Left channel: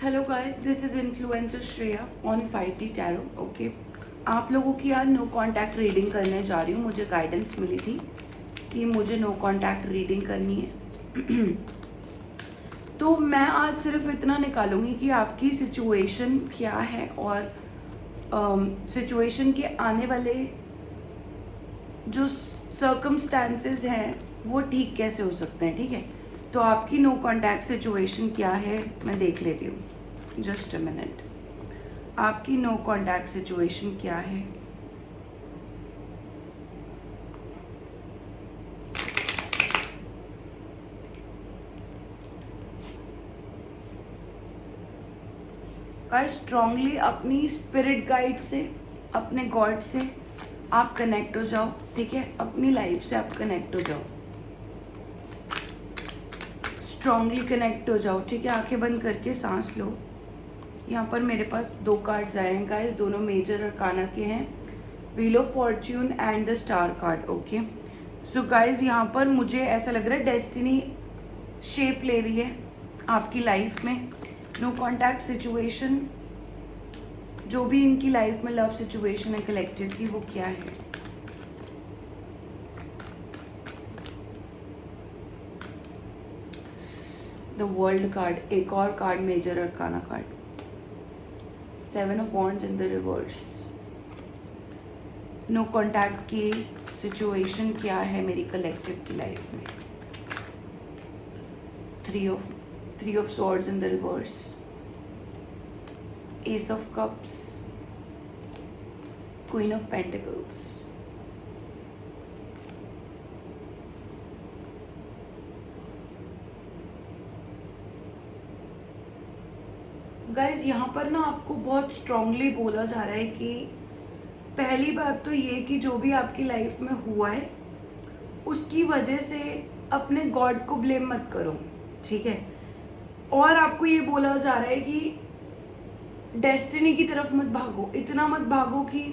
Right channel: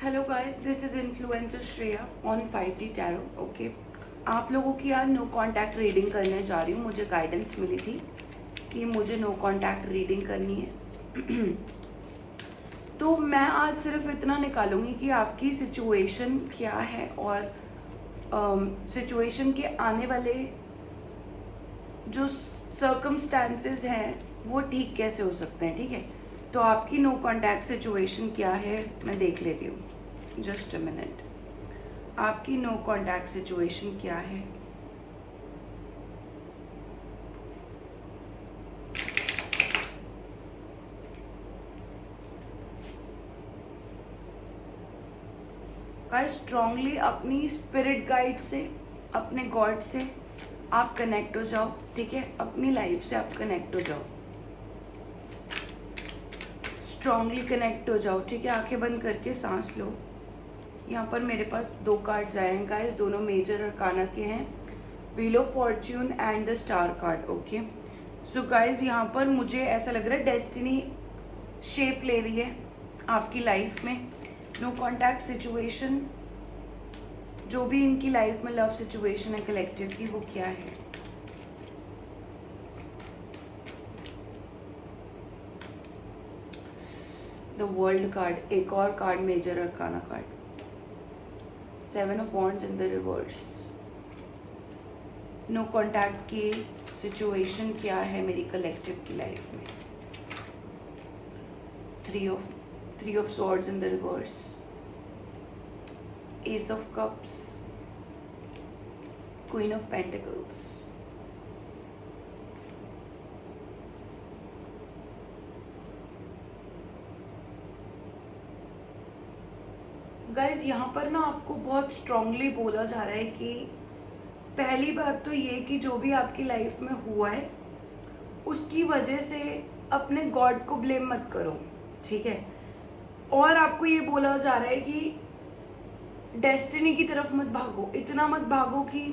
Hello guys, this is influencer Shreya on 5D tarot. Okay, आप लोगों की यार नो कांटेक्ट रीडिंग करने जा रही हूँ। मुझे गाइडेंस मिली थी कि मुझे नो कांटेक्ट रीडिंग करनी है। तो मैं आज सिर्फ इतना निकालूंगी कि आपकी सिचुएशन क्या है और सिचुएशन के आने वाले जो सर्कमस्टांसेस हैं वो ठीक कैसे हो सकते हैं। ठीक है, तो आपकी नो कांटेक्ट सिचुएशन क्या है मैं देख लेती हूँ। जस्ट अ मिनट, आपकी नो कांटेक्ट सिचुएशन क्या है। गाइस, स्ट्रांगली अपनी स्पिरिट गाइड से, अपने गॉड से आप कनेक्ट हो जाओ। ठीक है, अपनी लाइफ से आप कनेक्ट हो जाओ, स्ट्रांगली कनेक्ट हो जाओ। ठीक है, आंखें बंद करके सांस लो। यहाँ पर मेरे पास दो कार्ड्स आए हैं गाइस, दोनों मेजर अरकाना के हैं, wheel of Fortune and the star card. Okay, so guys यहाँ पर मुझे ऐसा लग रहा है डेस्टिनी शेप ले रही है आपकी लाइफ में। नो कॉन्टैक्ट सिचुएशन, जो भी इनकी लाइफ में लव सिचुएशन है कलेक्टिव की, वो क्या है। द वर्ल्ड कार्ड, एक और card major arcana card, 7 of wands in the reverse. No contact की सिचुएशन क्या है मेरी कलेक्टिव की लाइफ में। Three of swords in the reverse, ace of cups, queen of pentacles. Guys यहाँ पर ना आपको बहुत स्ट्रांगली बोला जा रहा है कि पहली बात तो ये कि जो भी आपकी लाइफ में हुआ है उसकी वजह से अपने गॉड को ब्लेम मत करो। ठीक है, और आपको ये बोला जा रहा है कि डेस्टिनी की तरफ मत भागो, इतना मत भागो कि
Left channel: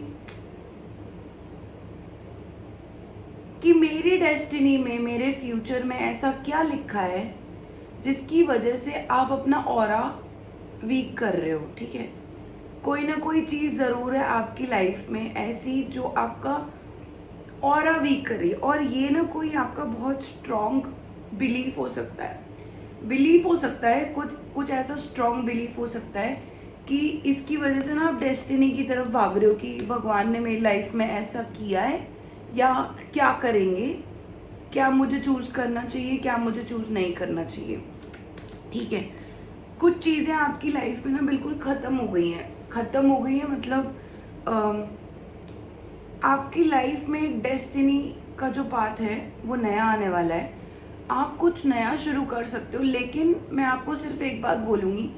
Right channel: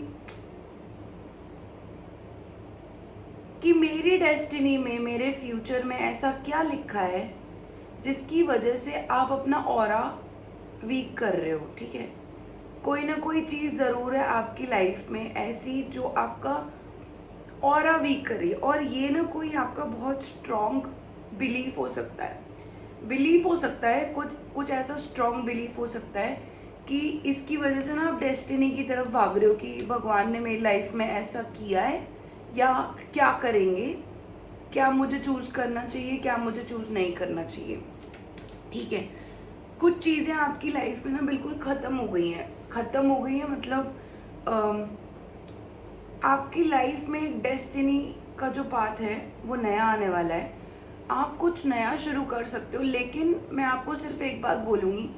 मेरी डेस्टिनी में, मेरे फ्यूचर में ऐसा क्या लिखा है जिसकी वजह से आप अपना ऑरा वीक कर रहे हो। ठीक है, कोई ना कोई चीज़ ज़रूर है आपकी लाइफ में ऐसी जो आपका ऑरा वीक कर रही है, और ये ना कोई आपका बहुत स्ट्रॉन्ग बिलीफ हो सकता है, कुछ ऐसा स्ट्रॉन्ग बिलीफ हो सकता है कि इसकी वजह से ना आप डेस्टिनी की तरफ भाग रहे हो कि भगवान ने मेरी लाइफ में ऐसा किया है या क्या करेंगे, क्या मुझे चूज़ करना चाहिए, क्या मुझे चूज़ नहीं करना चाहिए। ठीक है, कुछ चीज़ें आपकी लाइफ में ना बिल्कुल ख़त्म हो गई हैं, मतलब आपकी लाइफ में एक डेस्टिनी का जो पाथ है वो नया आने वाला है। आप कुछ नया शुरू कर सकते हो, लेकिन मैं आपको सिर्फ एक बात बोलूँगी,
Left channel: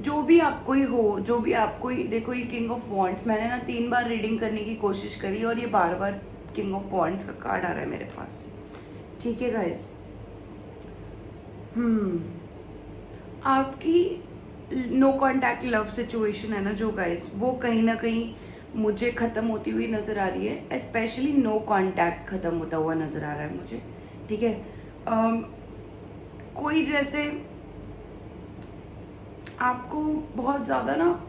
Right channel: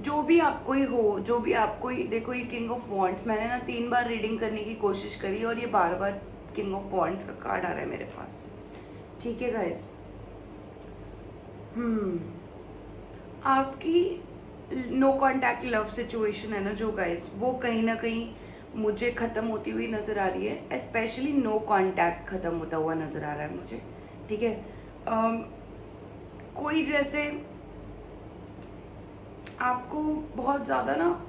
जो भी आपको ही हो, जो भी आपको ही, देखो ये किंग ऑफ वॉन्ड्स, मैंने ना 3 बार रीडिंग करने की कोशिश करी और ये बार बार किंग ऑफ वॉन्ड्स का कार्ड आ रहा है मेरे पास। ठीक है गाइस, आपकी नो कांटेक्ट लव सिचुएशन है ना जो गाइस, वो कहीं ना कहीं मुझे ख़त्म होती हुई नज़र आ रही है। स्पेशली नो कांटेक्ट ख़त्म होता हुआ नज़र आ रहा है मुझे। ठीक है, कोई जैसे आपको बहुत ज़्यादा ना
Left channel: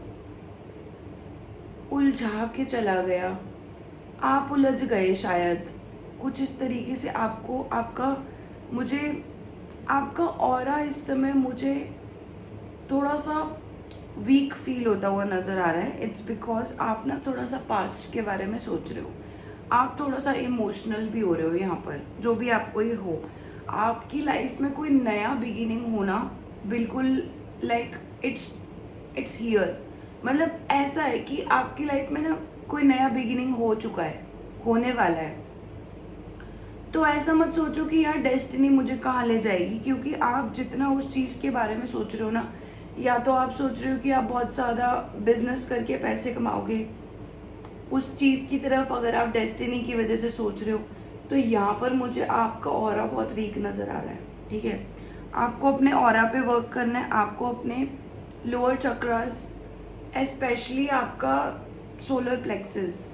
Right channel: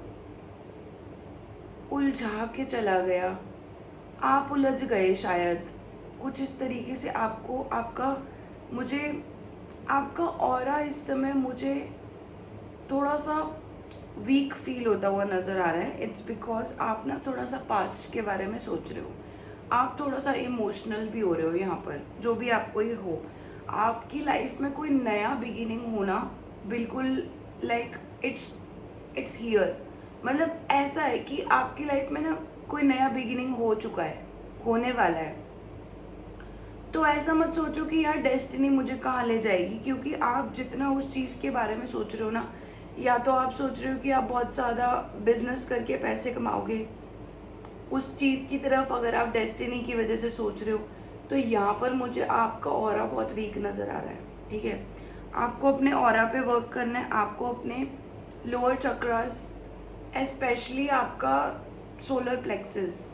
उलझा के चला गया, आप उलझ गए शायद कुछ इस तरीके से। आपका ऑरा इस समय मुझे थोड़ा सा वीक फील होता हुआ नज़र आ रहा है। इट्स बिकॉज आप ना थोड़ा सा पास्ट के बारे में सोच रहे हो, आप थोड़ा सा इमोशनल भी हो रहे हो। यहाँ पर जो भी आपको ये हो, आपकी लाइफ में कोई नया बिगिनिंग होना बिल्कुल लाइक इट्स हियर, मतलब ऐसा है कि आपकी लाइफ में ना कोई नया बिगिनिंग हो चुका है, होने वाला है। तो ऐसा मत सोचो कि यार डेस्टिनी मुझे कहाँ ले जाएगी, क्योंकि आप जितना उस चीज़ के बारे में सोच रहे हो ना, या तो आप सोच रहे हो कि आप बहुत ज़्यादा बिजनेस करके पैसे कमाओगे, उस चीज़ की तरफ अगर आप डेस्टिनी की वजह से सोच रहे हो, तो यहाँ पर मुझे आपका ऑरा बहुत वीक नज़र आ रहा है। ठीक है, आपको अपने ऑरा पे वर्क करना है, आपको अपने लोअर चक्रास, स्पेशली आपका सोलर प्लेक्सेस,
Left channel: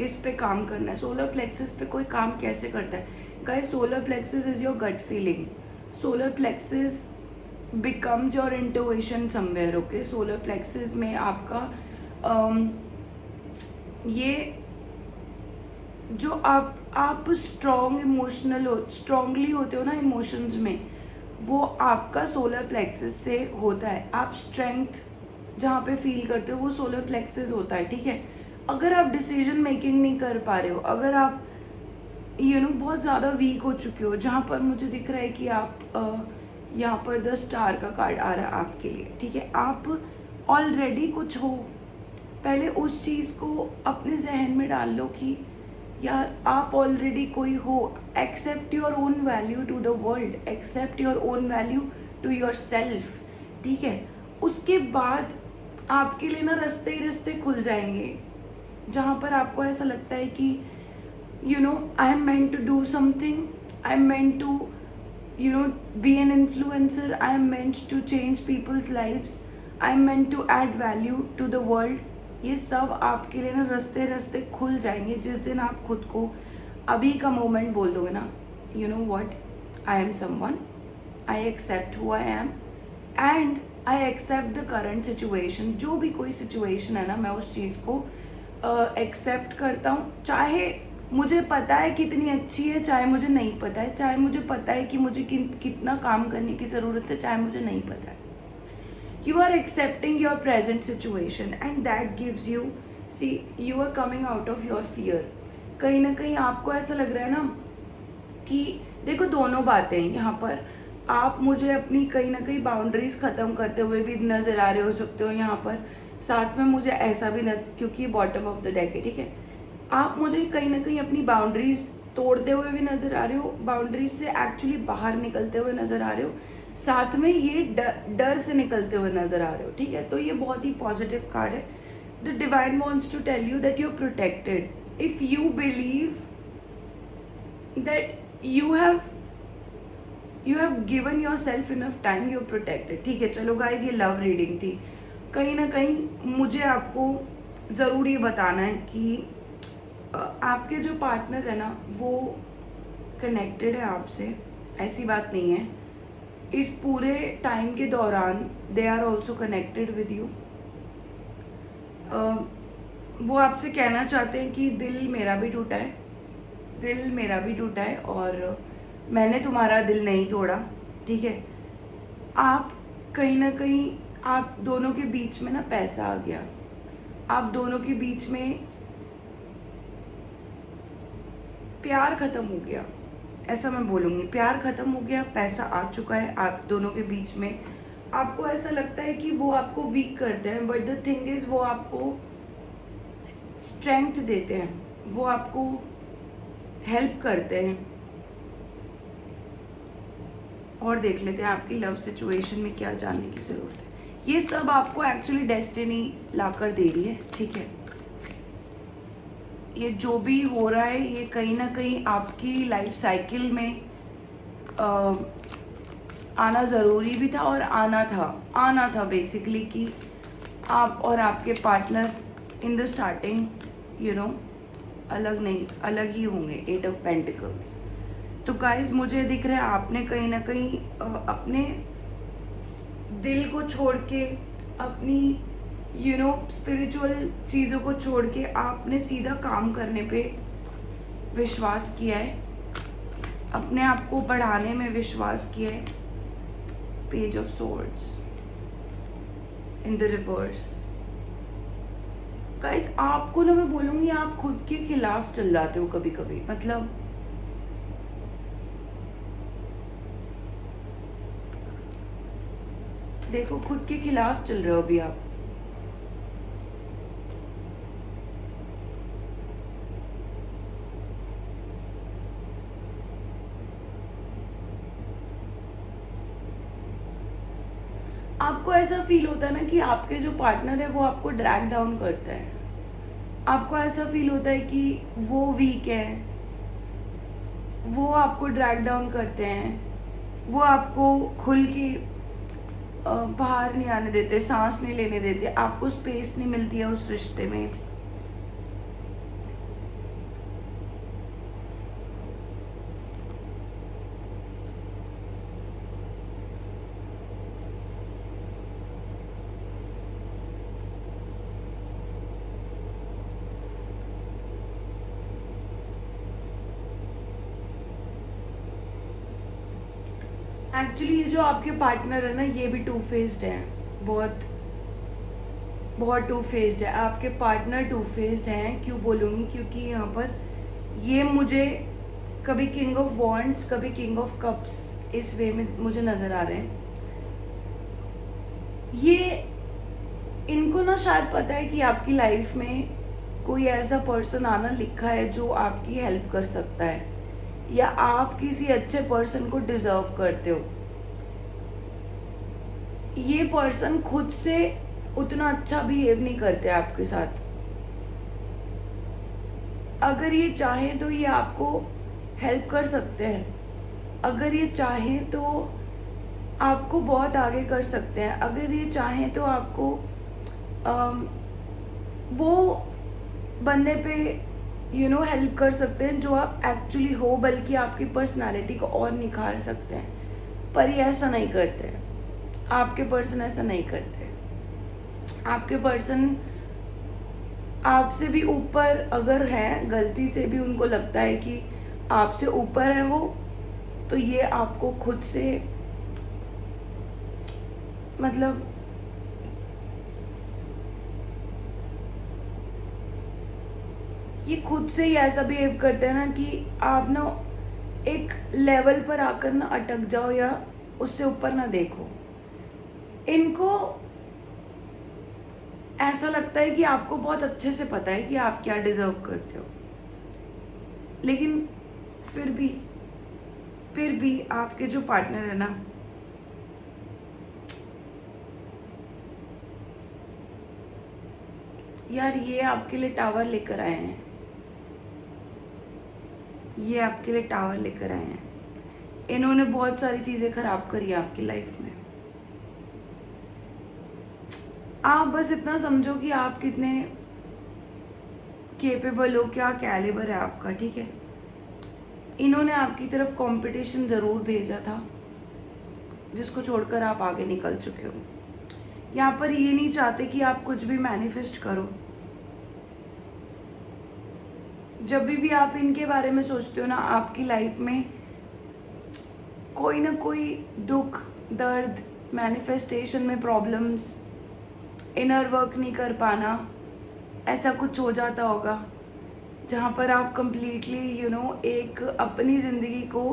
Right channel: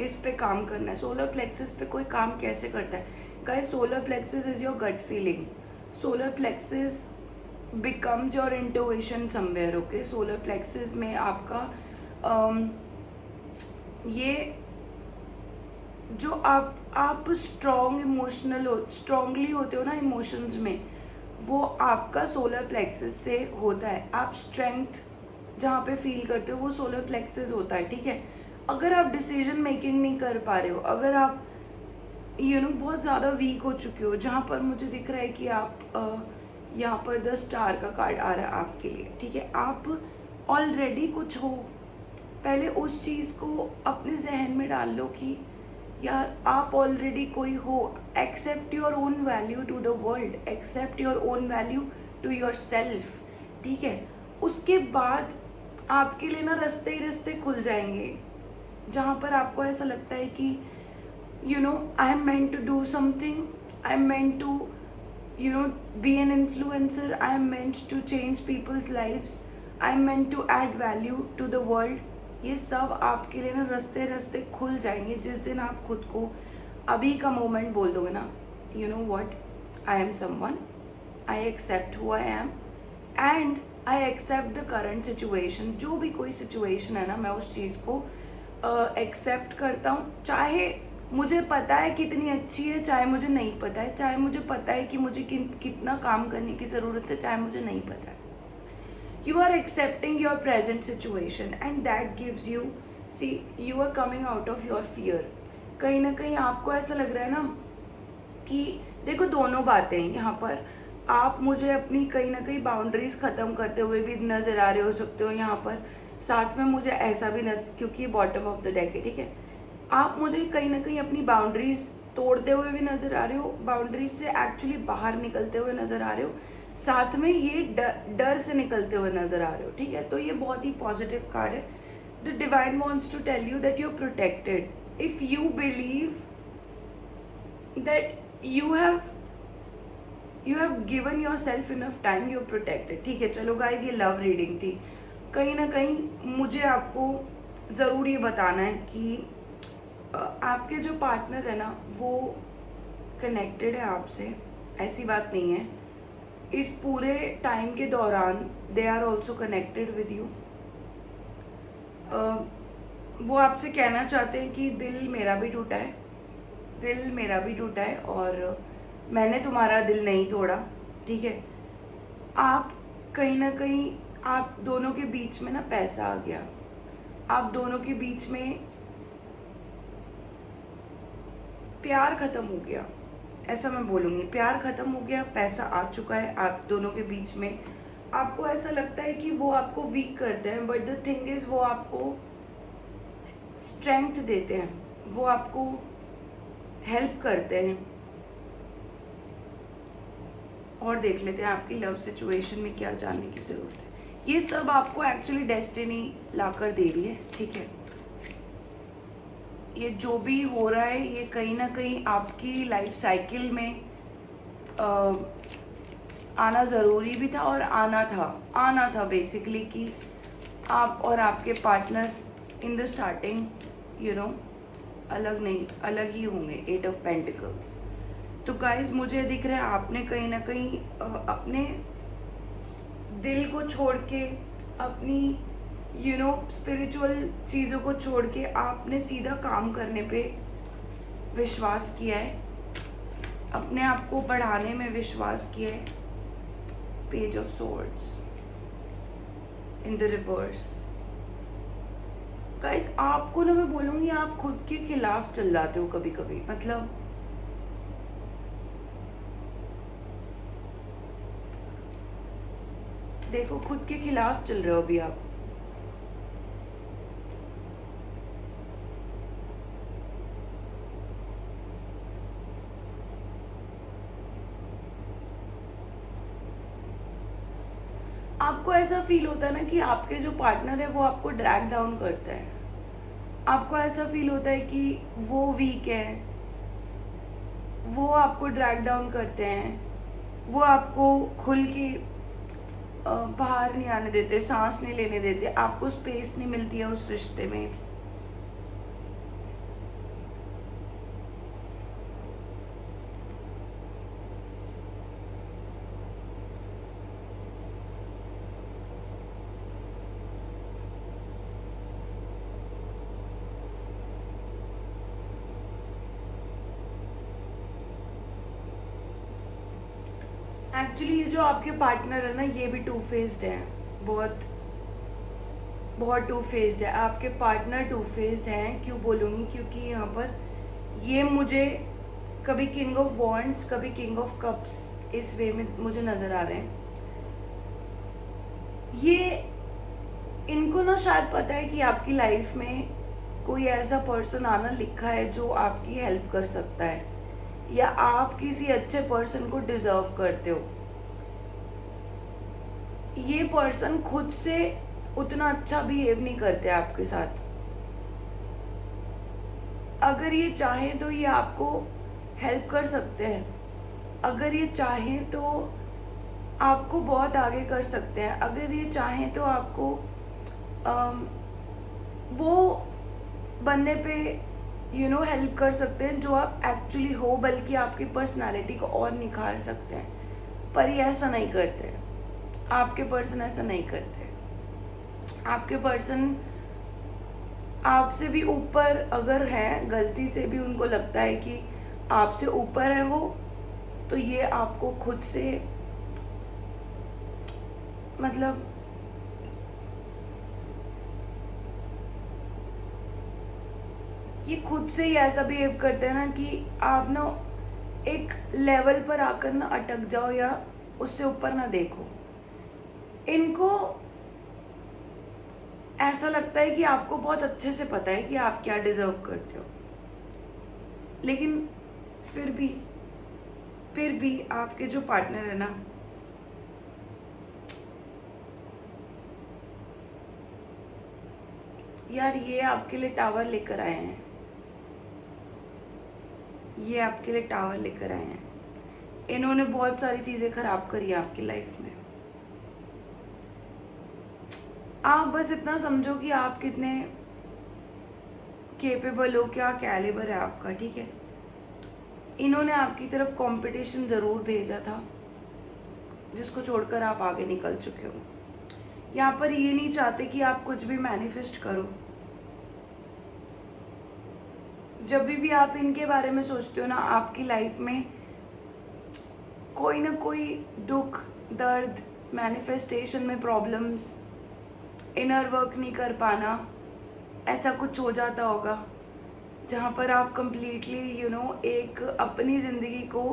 इस पे काम करना है। सोलर प्लेक्सेस पे कोई काम कैसे करता है guys? Solar plexus is your gut feeling. Solar plexus becomes your intuition somewhere. Okay, solar plexus में आपका um, ये जो आप स्ट्रांगली होते हो ना इमोशंस में, वो आपका सोलर प्लेक्सस से होता है. आप स्ट्रेंथ जहाँ पे फील करते हो वो सोलर प्लेक्सस होता है. ठीक है, अगर आप डिसीजन मेकिंग नहीं कर पा रहे हो, अगर आप बहुत ज़्यादा वीक हो चुके हो, जहाँ पर मुझे दिख रहा है कि आप यहाँ पर द स्टार का कार्ड आ रहा है आपके लिए. ठीक है, आप ऑलरेडी कुछ हो. पहले उस चीज़ को अपने जहन में डाल लो कि यार आप ऑलरेडी कोई हो. Accept your own value to the world, accept your own value to yourself. ठीक है, उसके बाद आपके लिए ना रास्ते ही रास्ते खुल जाएंगे, जहाँ पर आपको ऐसा लगता है कि I am meant to do something, I am meant to be an influencer, I am meant to change people's lives, I am meant to add value to the world. ये सब आपके लिए ना रास्ते रास्ते खुल जाएंगे जिस दिन आप खुद को अभी का मोमेंट बोल दोगे ना, what, I am someone, I accept who I am and I accept the current situation. जो भी कोई सिचुएशन है ना, मैं उस चीज़ को एक्सेप्ट करता हूँ. चाहे मुझे पता है कितनी अच्छी है, चाहे मुझे नहीं पता है, चाहे मुझे पता है कि मुझे कितना काम करने की ज़रूरत है, चाहे मुझे नहीं पता है. You are accepting your present situation and that gives you, see, you are coming out of your fear. कहीं ना कहीं आपको ऐसा लग रहा है ना कि देखो दोनों बातें हैं यहाँ पर. आप मुझे अपनी कहीं ना कहीं बाउंड्रीज ख़त्म करते हुए भी नज़र आ रहे हो सकते हो यहाँ पर. साथ में मुझे ऐसा भी क्योंकि ये बॉटम ऑफ द डेक है. ठीक है, आप मुझे कहीं ना कहीं अपनी बाउंड्रीज तोड़ते हुए भी नज़र आ रहे हो, बाउंड्रीज से एक्चुअली बाहर निकलते हुए नज़र आ रहे हो, साथ में ये डर से निकलते हुए नज़र आ रहे हो. ठीक है, तो ये बहुत ही पॉजिटिव कार्ड है. The divine wants to tell you that you are protected if you believe that you have given yourself enough time, you are protected. ठीक है, चलो गाइज, ये लव रीडिंग थी. कहीं ना कहीं मुझे आपको ज़रूर ये बताना है कि आपके जो पार्टनर है ना वो कनेक्टेड है आपसे, ऐसी बात नहीं है. इस पूरे टाइम के दौरान they are also connected with you. वो आपसे कहना चाहते हैं कि दिल मेरा भी टूटा है, दिल मेरा भी टूटा है और मैंने तुम्हारा दिल नहीं तोड़ा. ठीक है, आप कहीं ना कहीं आप दोनों के बीच में ना पैसा आ गया, आप दोनों के बीच में प्यार ख़त्म हो गया, ऐसा मैं बोलूँगी. प्यार ख़त्म हो गया, पैसा आ चुका है आप दोनों के बीच में. आपको ऐसा लगता है कि वो आपको वीक करते हैं, बट द थिंग इज़ वो आपको स्ट्रेंथ देते हैं, वो आपको हेल्प करते हैं. और देख लेते हैं आपकी लव सिचुएशन में क्या जानने की ज़रूरत है. ये सब आपको एक्चुअली डेस्टिनी ला कर दे रही है. ठीक है, ये जो भी हो रहा है ये कहीं ना कहीं आपकी लाइफ साइकिल में आना ज़रूरी भी था और आना था बेसिकली, कि आप और आपके पार्टनर इन द स्टार्टिंग अलग ही होंगे. 8 ऑफ पेंटिकल्स. तो गाइज मुझे दिख रहा है आपने कहीं ना कहीं अपने दिल को छोड़ के, अपनी स्पिरिचुअल चीज़ों को छोड़ के आपने सीधा काम करने पे विश्वास किया है, अपने आप को बढ़ाने में विश्वास किया है. Page of swords in the reverse. Guys आपको ना मैं बोलूँगी आप खुद के खिलाफ चल जाते हो कभी कभी. मतलब देखो खुद के खिलाफ चल रहे हो अभी आप. आपको ऐसा फील होता है ना कि आपके जो पार्टनर है वो आपको ड्रैग डाउन करता है. आपको ऐसा फील होता है कि वो वीक है, वो आपको ड्रैग डाउन करते हैं, वो आपको खुल के बाहर नहीं आने देते, सांस नहीं लेने देते, आपको स्पेस नहीं मिलती है उस रिश्ते में. एक्चुअली जो आपके पार्टनर है ना, ये भी टू फेस्ड है, बहुत बहुत टू फेस्ड है। आपके पार्टनर टू फेस्ड हैं। क्यों बोलूँगी? क्योंकि यहाँ पर ये मुझे कभी किंग ऑफ वॉन्ड्स, कभी किंग ऑफ कप्स इस वे में मुझे नज़र आ रहे हैं। ये इनको ना शायद पता है कि आपकी लाइफ में कोई ऐसा पर्सन आना लिखा है जो आपकी हेल्प कर सकता है, या आप किसी अच्छे पर्सन को डिजर्व करते हो। ये पर्सन खुद से उतना अच्छा बिहेव नहीं करते आपके साथ। अगर ये चाहें तो ये आपको हेल्प कर सकते हैं। अगर ये चाहें तो आपको बहुत आगे कर सकते हैं। अगर ये चाहें तो आपको वो बनने पे हेल्प कर सकते हैं जो आप एक्चुअली हो, बल्कि आपकी पर्सनालिटी को और निखार सकते हैं। पर ये ऐसा नहीं करते। आपके पर्सन ऐसा नहीं करते। आपके पर्सन आपसे भी ऊपर अगर है, गलती से भी उनको लगता है कि आपसे ऊपर है वो, तो ये आपको खुद से मतलब ये खुद से ही ऐसा बिहेव करते हैं ना कि आप ना एक लेवल पर आकर ना अटक जाओ या उससे ऊपर ना देखो। इनको ऐसा लगता है कि आपको बहुत अच्छे से पता है कि आप क्या डिजर्व करते हो, लेकिन फिर भी आपके जो पार्टनर है ना, यार ये आपके लिए टावर लेकर आए हैं। ये आपके लिए टावर लेकर आए हैं। इन्होंने बहुत सारी चीजें खराब करी आपकी लाइफ में। आप बस इतना समझो कि आप कितने केपेबल हो, क्या कैलिबर है आपका, ठीक है। इन्होंने आपकी तरफ कंपटीशन ज़रूर भेजा था, जिसको छोड़कर आप आगे निकल चुके हो। यहाँ पर ये नहीं चाहते कि आप कुछ भी मैनिफेस्ट करो। जब भी आप इनके बारे में सोचते हो ना, आपकी लाइफ में कोई ना कोई दुख, दर्द, मैनिफेस्टेशन में प्रॉब्लम्स, इनर वर्क नहीं कर पाना, ऐसा कुछ हो जाता होगा जहाँ पर आप कंप्लीटली एक अपनी ज़िंदगी को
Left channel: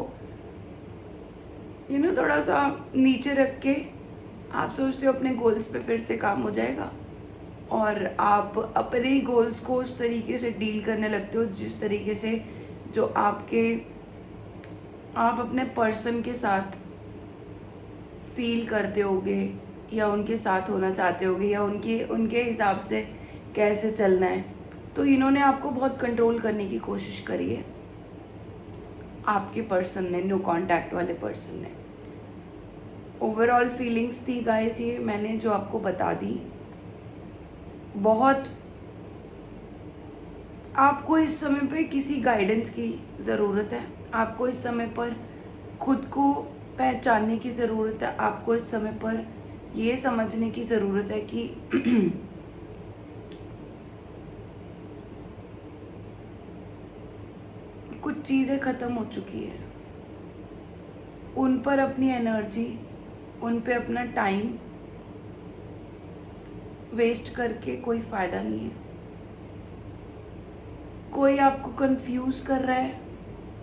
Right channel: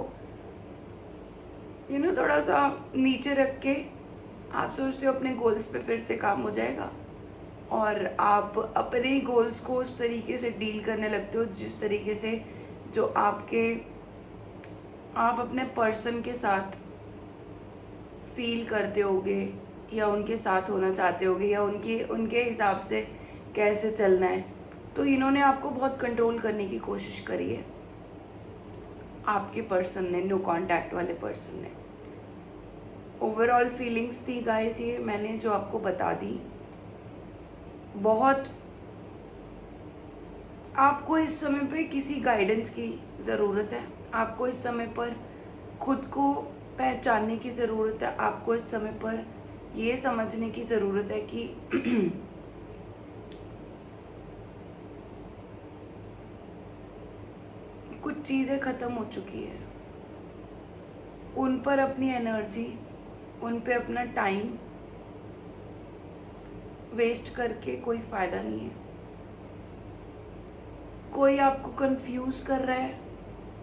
थोड़ा सा नीचे रख के आप सोचते हो अपने गोल्स पे फिर से काम हो जाएगा, और आप अपने गोल्स को उस तरीके से डील करने लगते हो जिस तरीके से जो आप अपने पर्सन के साथ फील करते होगे, या उनके साथ होना चाहते होगे, या उनके हिसाब से कैसे चलना है। तो इन्होंने आपको बहुत कंट्रोल करने की कोशिश करी है, आपके पर्सन ने, नो कांटेक्ट वाले पर्सन ने। ओवरऑल फीलिंग्स थी गाइस, ये मैंने जो आपको बता दी। बहुत आपको इस समय पे किसी गाइडेंस की ज़रूरत है। आपको इस समय पर खुद को पहचानने की ज़रूरत है। आपको इस समय पर ये समझने की ज़रूरत है कि कुछ चीज़ें ख़त्म हो चुकी है। उन पर अपनी एनर्जी, उन पे अपना टाइम वेस्ट करके कोई फ़ायदा नहीं है। कोई आपको कंफ्यूज कर रहा है,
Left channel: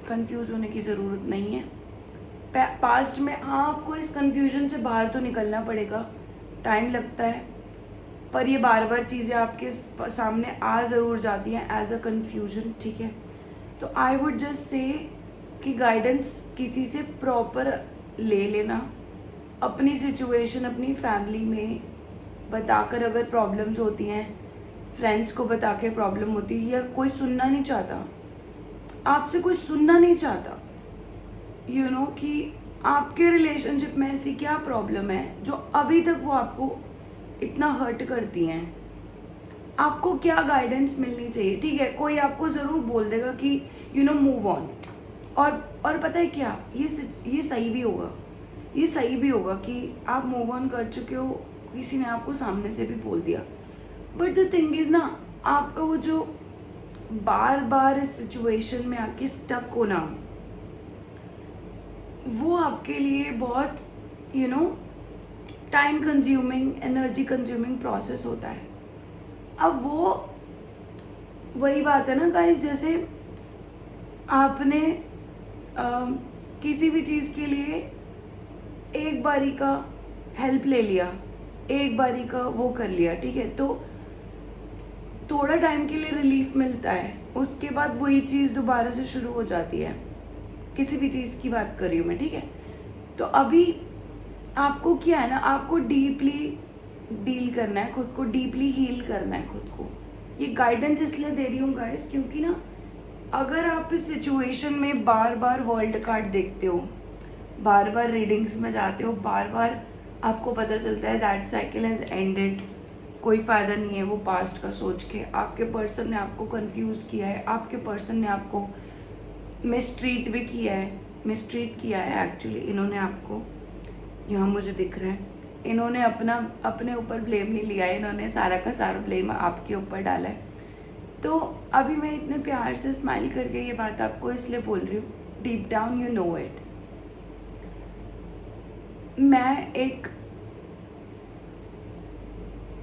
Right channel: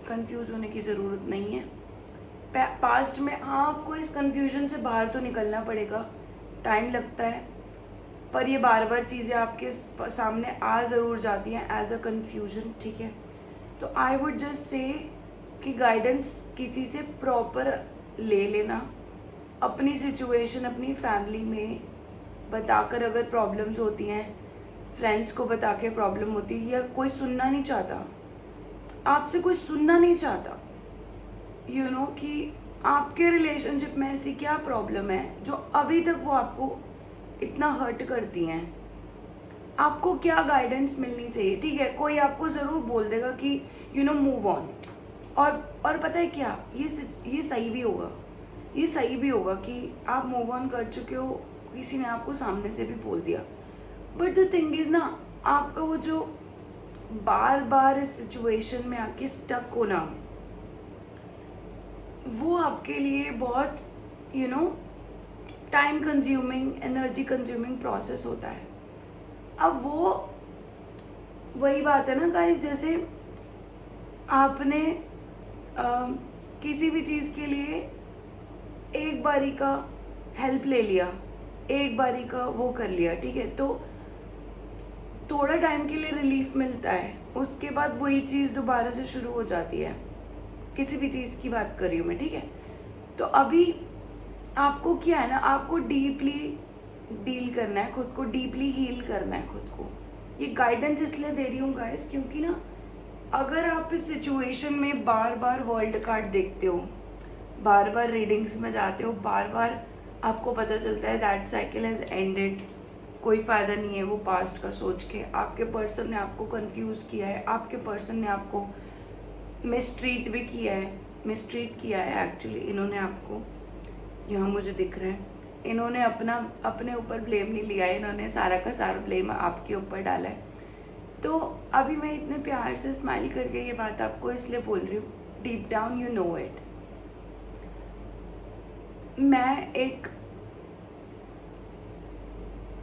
कंफ्यूज होने की ज़रूरत नहीं है। पास्ट में आपको इस कंफ्यूजन से बाहर तो निकलना पड़ेगा, टाइम लगता है, पर ये बार बार चीज़ें आपके सामने आ ज़रूर जाती हैं एज अ कंफ्यूजन, ठीक है। तो आई वुड जस्ट से कि गाइडेंस किसी से प्रॉपर ले लेना, अपनी सिचुएशन अपनी फैमिली में बताकर अगर प्रॉब्लम्स होती हैं, फ्रेंड्स को बता के प्रॉब्लम होती है, या कोई सुनना नहीं चाहता, आपसे कोई सुनना नहीं चाहता, कि आपके रिलेशनशिप में ऐसी क्या प्रॉब्लम है जो अभी तक वो आपको इतना हर्ट करती हैं। आपको क्या गाइडेंस मिलनी चाहिए, ठीक है। कोई आपको ज़रूर बोल देगा कि मूव ऑन, और पता है क्या, ये सही भी होगा। ये सही भी होगा कि आप मूव ऑन कर चुके हो, किसी ने आपको सामने से भी बोल दिया। बट द थिंग इज़ ना, आपका वो जो बार बार इस सिचुएशन में आके स्टक होना, वो आपके लिए बहुत you know time consuming, energy consuming process होता है। अब वो वही बात है ना गाइस, जैसे आपने किसी भी चीज़ के लिए एक बारी का हेल्प ले लिया, एक बारी का वो कर लिया, ठीक है, तो थोड़ा टाइम के लिए रिलीफ मिलता है, उसके बाद वही चीज़ दोबारा से शुरू हो जाती है। किसी भी चीज़ की बात कर रही हूँ मैं, ठीक है। तो अभी आपको क्या है ना, आपको डीपली डील करना है खुद को, डीपली हील करना है खुद को। ये गाइडेंस इसलिए दे रही हूँ गाइस, क्योंकि ना अगर आप इस सिचुएशन में बार बार वर्ल्ड कार्ड देखते हो, बार बार रीडिंग्स में जाते हो, बार बार आपको पता चलता है दैट साइकिल हैज़ एंडेड, कोई फ़ायदा नहीं है वो पास्ट का सोच के, आपके पर्सन ने आपको कंफ्यूज किया है, आपके पर्सन ने आपको मिसट्रीट भी किया है, मिसट्रीट किया है एक्चुअली इन्होंने आपको, यहाँ मुझे दिख रहा है। इन्होंने अपने ऊपर ब्लेम नहीं लिया है, इन्होंने सारा का सारा ब्लेम आपके ऊपर डाला है। तो अभी मैं इतने प्यार से स्माइल करके ये बात आपको इसलिए बोल रही हूँ, deep down you know it. मैं एक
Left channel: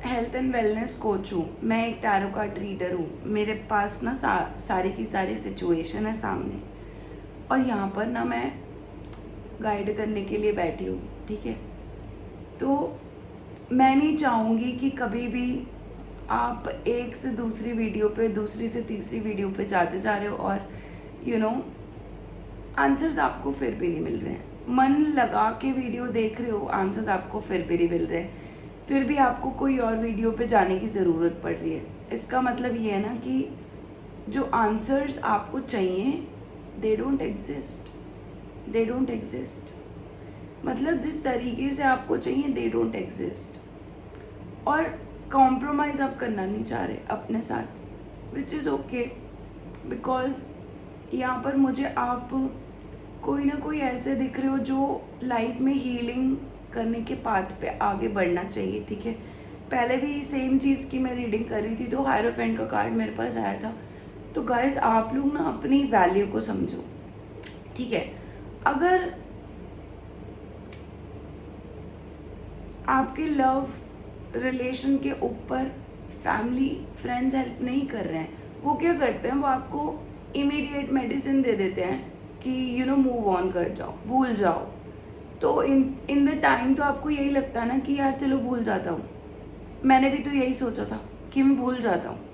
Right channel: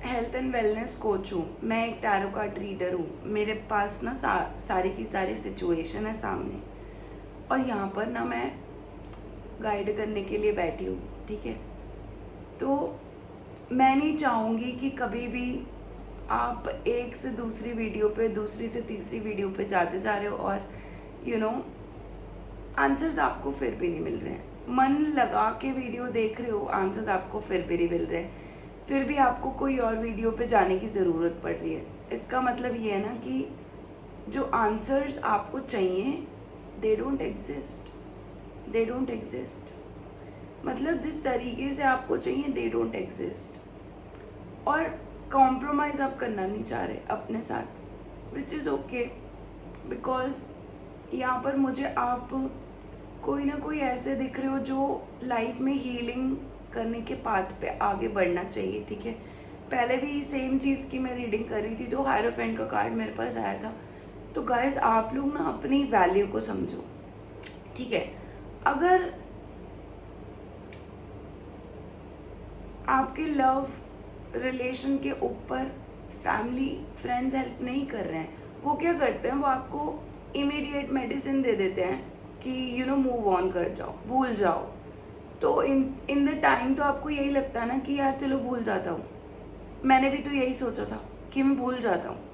हेल्थ एंड वेलनेस कोच हूँ, मैं एक टैरो कार्ड रीडर हूँ, मेरे पास ना सारी की सारी सिचुएशन है सामने, और यहाँ पर ना मैं गाइड करने के लिए बैठी हूँ, ठीक है। तो मैं नहीं चाहूँगी कि कभी भी आप एक से दूसरी वीडियो पे, दूसरी से तीसरी वीडियो पे जाते जा रहे हो और यू नो आंसर्स आपको फिर भी नहीं मिल रहे हैं, मन लगा के वीडियो देख रहे हो, आंसर्स आपको फिर भी नहीं मिल रहे हैं, फिर भी आपको कोई और वीडियो पे जाने की ज़रूरत पड़ रही है। इसका मतलब ये है ना कि जो आंसर्स आपको चाहिए they don't exist, they don't exist. मतलब जिस तरीके से आपको चाहिए दे डोंट एग्जिस्ट, और कॉम्प्रोमाइज़ आप करना नहीं चाह रहे अपने साथ, विच इज़ ओके, बिकॉज यहाँ पर मुझे आप कोई ना कोई ऐसे दिख रहे हो जो लाइफ में हीलिंग करने के पाथ पे आगे बढ़ना चाहिए, ठीक है। पहले भी सेम चीज़ की मैं रीडिंग कर रही थी तो हायरोफेंट का कार्ड मेरे पास आया था। तो गाइस आप लोग ना अपनी वैल्यू को समझो, ठीक है। अगर आपके लव रिलेशन के ऊपर फैमिली फ्रेंड्स हेल्प नहीं कर रहे हैं, वो क्या करते हैं, वो आपको इमीडिएट मेडिसिन दे देते हैं कि यू नो मूव ऑन कर जाओ, भूल जाओ। तो इन द टाइम तो आपको यही लगता है ना कि यार चलो भूल जाता हूँ, मैंने भी तो यही सोचा था कि मैं भूल जाता हूँ।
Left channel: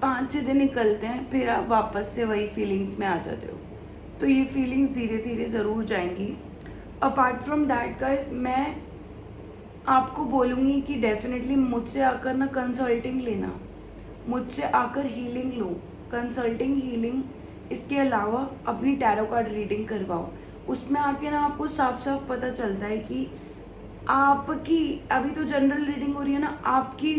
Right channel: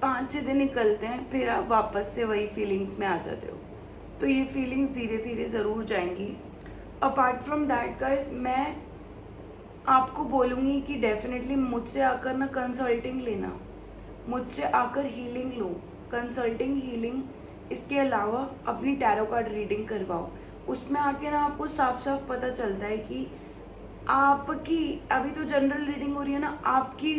5-6 दिन निकलते हैं, फिर आप वापस से वही फीलिंग्स में आ जाते हो। तो ये फीलिंग्स धीरे धीरे ज़रूर जाएंगी। अपार्ट फ्रॉम दैट गाइस, मैं आपको बोलूँगी कि डेफिनेटली मुझसे आकर ना कंसल्टिंग लेना, मुझसे आकर हीलिंग लो, कंसल्टिंग हीलिंग। इसके अलावा अपनी टैरो कार्ड रीडिंग करवाओ, उसमें आके ना आपको साफ साफ पता चलता है कि आपकी अभी तो जनरल रीडिंग हो रही है ना, आपकी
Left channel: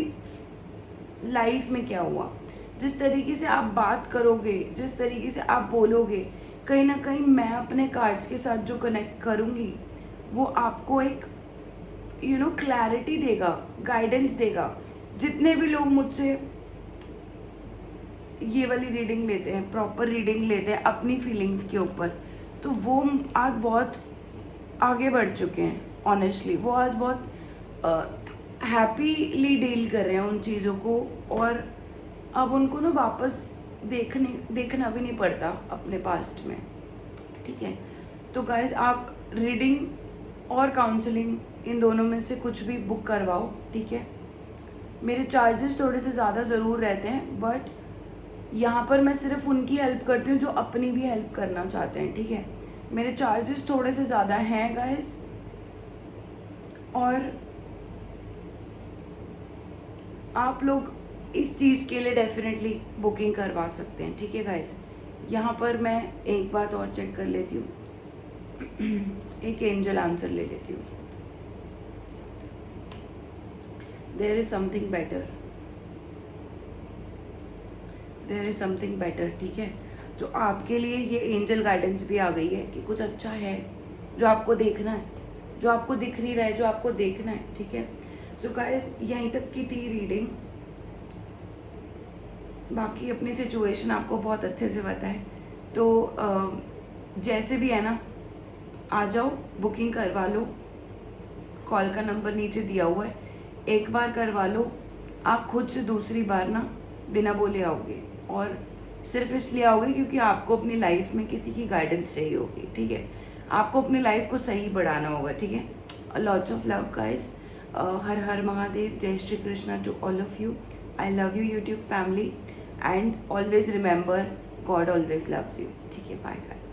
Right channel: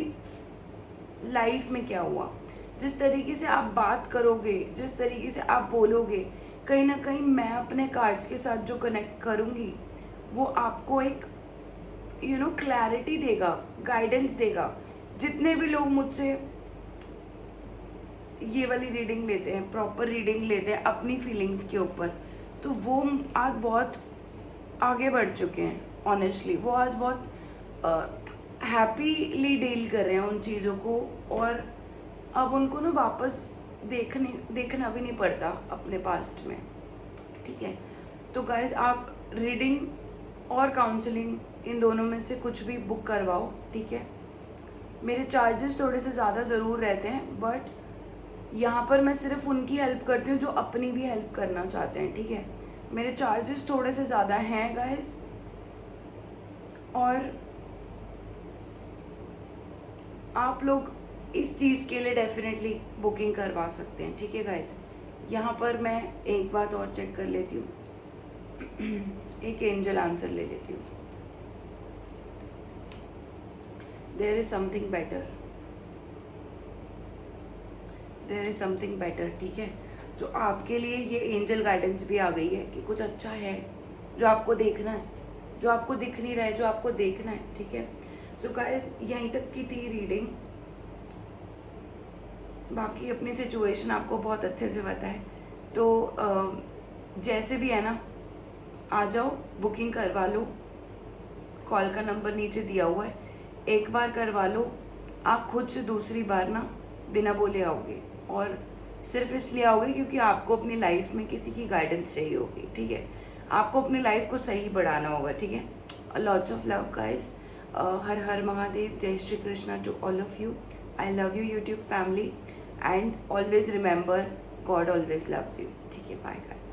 लाइफ में क्या हुआ। जिस तरीके से आप बात करोगे, जिस तरीके से आप बोलोगे, कहीं ना कहीं मैं अपने कार्ड्स के साथ जो कनेक्ट करूँगी वो आपको एक यू नो क्लैरिटी देगा, गाइडेंस देगा। जितने भी लोग मुझसे ये वाली रीडिंग लेते हैं, प्रॉपर रीडिंग लेते हैं अपनी फीलिंग्स के ऊपर, तो वो आज बहुत आगे बढ़ चुके हैं। ऑनेस्टली वो आज बहुत हैप्पीली डील कर रहे हैं उन चीज़ों को, और अब उनको ना वापस देखना भी नहीं पड़ता अपने पास्ट में, ठीक है। तो गाइज आप रीडिंग और काउंसलिंग इन दोनों में से कुछ भी बुक करवाओ, ठीक है। मेरे चार्जेस थोड़े से ज़्यादा ज़रूर रहते हैं, बट यहाँ पर मैं सिर्फ उनकी हेल्प करती हूँ जो अपनी भी हेल्प करना चाहते हैं, ठीक है। मेरे चार्जेस थोड़े से ज़्यादा हैं गाइज, और आप लोग इस चीज़ के लिए डेफिनेटली बुकिंग करवा सकते हैं, ठीक है गाइज। यहाँ पर मैं एक बात और चेक कर लेती हूँ, एक एंजल आंसर ले लेती हूँ। There is something better, there is something better, ठीक है। जो आपके लिए ये एंजल गाइडेंस भी आ गई है कि कुछ अच्छा है जो आपको देखना है, जो आपको दिख नहीं रहा है, जो आपको देखना है, ठीक है। सो गाइस यहीं तक की थी रीडिंग, बाकी अपनी सिचुएशन आपको बहुत अच्छे से पता है। तो जैसे भी है ना, आ जाओ, बुकिंग करवा लो, कॉल का नंबर नीचे दिया हुआ है, एक बार करवा लो, आप खुद से दूसरी बार ना बिना बोले आओगे, और सिर्फ इसलिए आओगे क्योंकि आपको अपनी लाइफ में किसी की गाइडेंस चाहिए होगी, ठीक है। आपको अपनी लाइफ को सही बढ़ाना होगा, ठीक है। Lots of love guys, Har Har Mahadev, जय Shri Krishna to all of you. I love you YouTube family, and always remember God always loves you, ठीक है। Bye guys.